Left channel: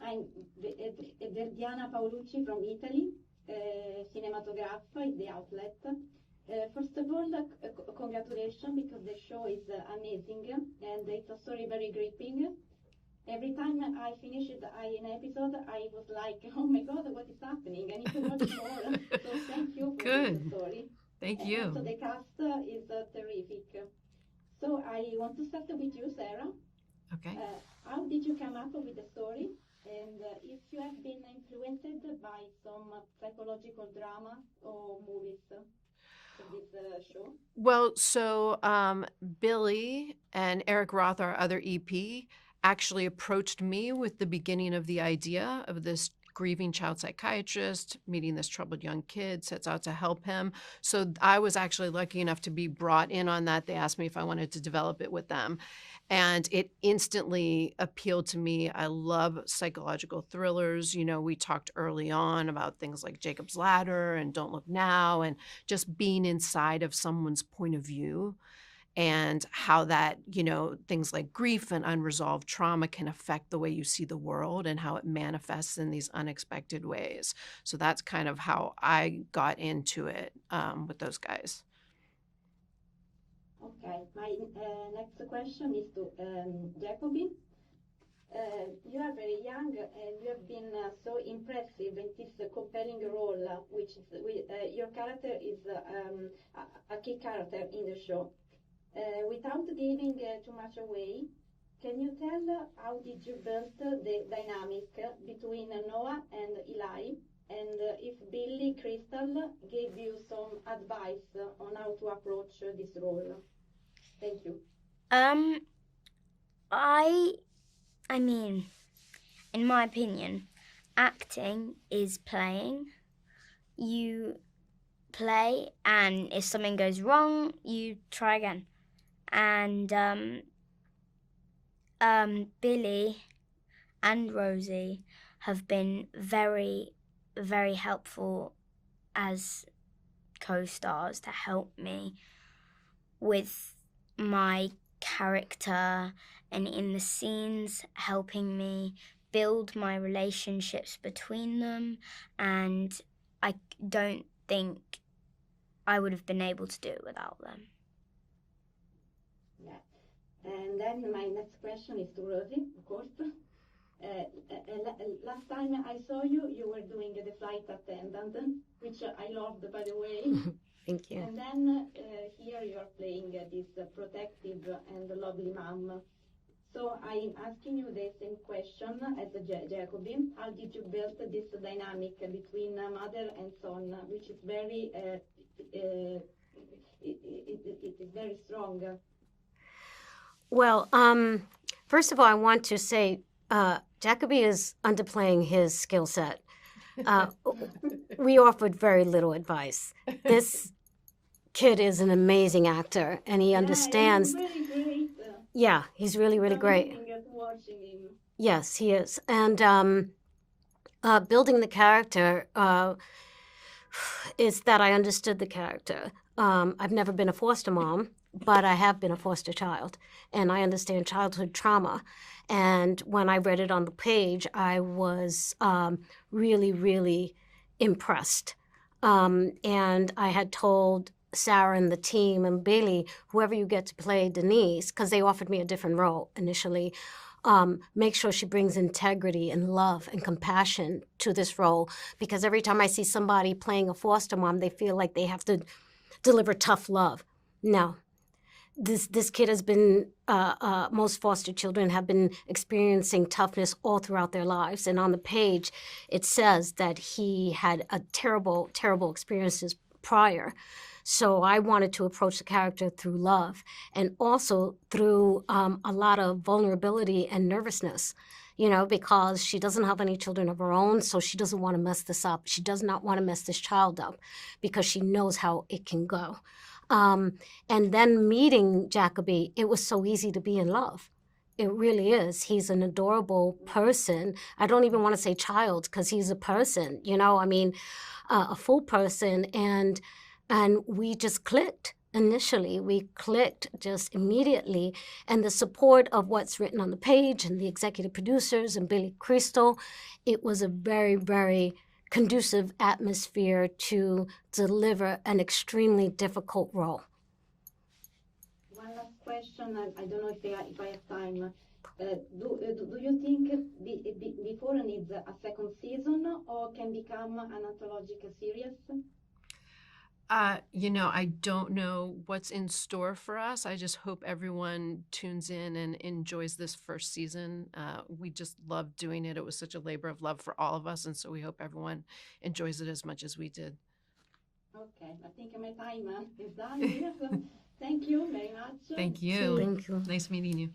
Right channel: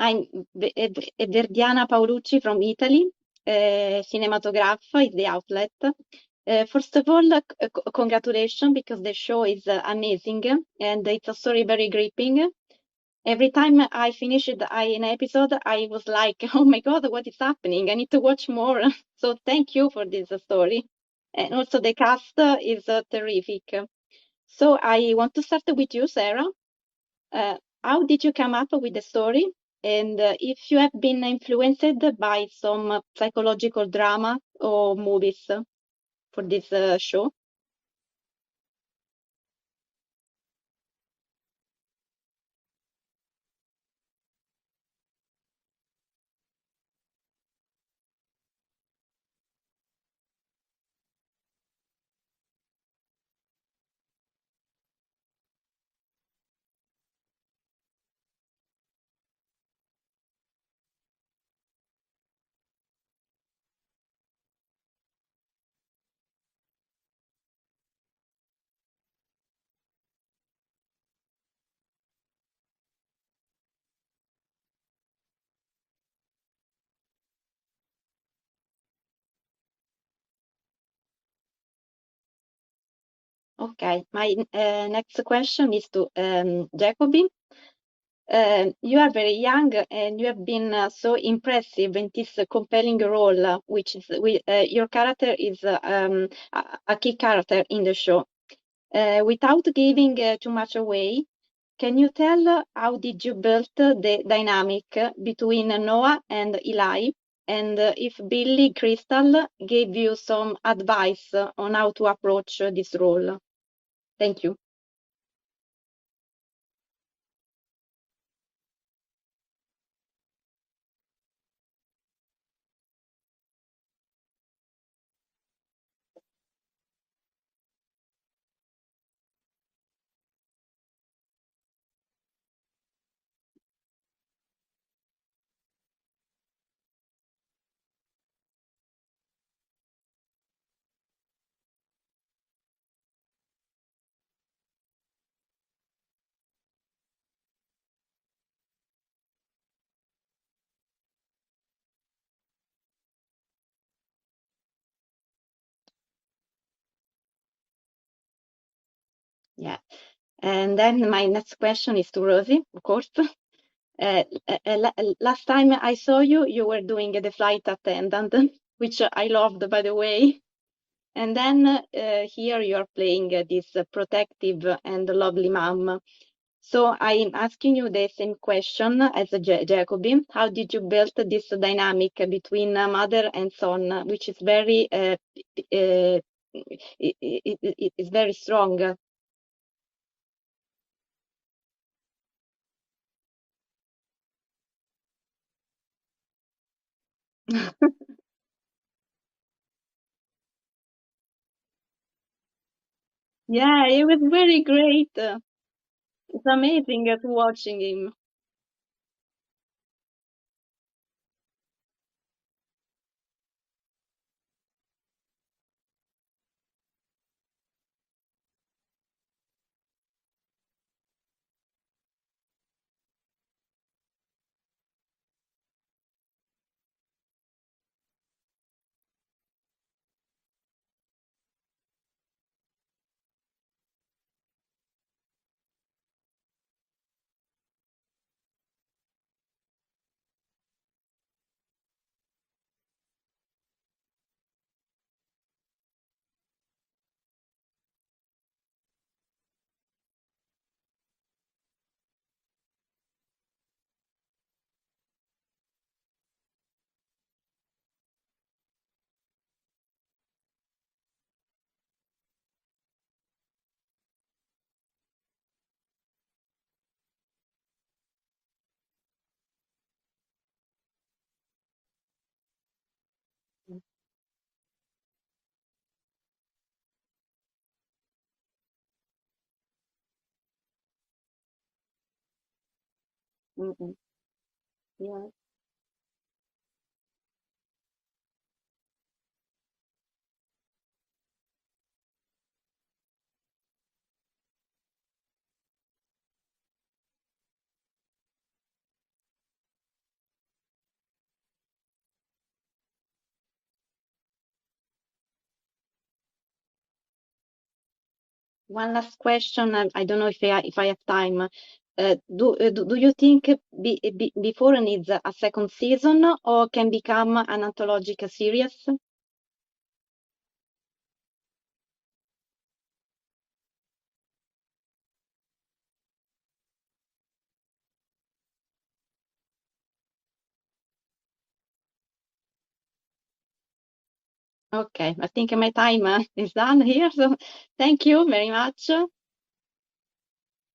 I'm Verdiana Paolucci from Italy. Cinematographe is the outlet. First of all, congratulations, because the show is amazing and it's a story very gripping. Every time I finished an episode, I was like, oh my God, what is happening? I need to watch more. So thank you for this story. Thank And you. also the cast is terrific. So I want to start with you, Sarah. Okay. How did you come up with the story? And if you have been influenced by some psychological drama or movies for this show? Well, so Billy and Eric Roth, our other EP, actually approached me with the beginning of the idea of this grieving child psychiatrist meeting this troubled young kid, sets out to help him. So I was actually lucky enough to be brought in on that. They asked me if I wanted to develop it with them. And it instantly appealed to me. I love psychological thrillers. You know, we talked early on about things like Jacob's Ladder and Don't Look Now, and just being inside of someone's point of view and how that, you know, things like grief and unresolved trauma can affect the way you see the world and how it manifests in these unexpected ways. So that's kind of how I got into it with those guys. Okay, my next question is to Jacobi. You are very young and you have been so impressive in this compelling role, which is your character is a key character in the show. Without giving too much away, can you tell how did you build the dynamic between Noah and Eli? And if Billy Crystal gave you some advice on how to approach this role? Thank you. I mean, in my opinion, acting is playing. You play, and if something goes wrong, you try again. And Billy and Rosie have been very, very helpful as co-stars to help me with my character and in the scenes, helping me build my relationships between them. And I don't think I would have been able to do it without them. Yeah. And then my next question is to Rosie, of course. Last time I saw you, you were doing the flight attendant, which I loved, by the way. Thank you. And then here you are playing this protective and lovely mom. So I'm asking you the same question as Jacobi. How did you build this dynamic between mother and son, which is very, it's very strong? Well, first of all, I want to say Jacobi is underplaying his skill set. We offered very little advice. This kid is an amazing actor, and he understands. Yeah, he was very great. Yeah, he's really, it's really great. amazing at watching him. Yes, he is. And building the character is that I understood the character. I've never been a foster mom, but I have been a foster child, and I understand childhood trauma. And when I read it on the page, I was really, really impressed. And I had told Sarah and the team and Bailey, whoever you get to play Denise, because they offered me a different role initially, make sure she brings integrity and love and compassion to this role. Because every time I see somebody playing a foster mom, they feel like they have to deliver tough love. No. This kid has been, most foster children have been experiencing toughness all throughout their lives. And on the page, it says that he had a terrible, terrible experiences prior. So I wanted to approach the character through love and also through a lot of vulnerability and nervousness, you know, because she doesn't have any children of her own, so she doesn't want to mess this up. She does not want to mess this child up because she knows how it can go. And then meeting Jacobi, it was so easy to be in love. It really is. He's an adorable person. I don't even want to say child because he's a person, you know, I mean, a full person. And we just clicked. initially. We clicked just immediately, and the support of what's written on the page and the executive producers and Billy Crystal, it was a very, very conducive atmosphere to deliver an extremely difficult role. One last question. I don't know if I have time. Do you think before needs a second season or can become an anthological series? I don't know what's in store for us. I just hope everyone tunes in and enjoys this first season. We just loved doing it. It was such a labor of love for all of us. And so we hope everyone enjoys it as much as we did. Okay, I think my time is done here. So thank you very much. Thank you. Thank you. Nice meeting you.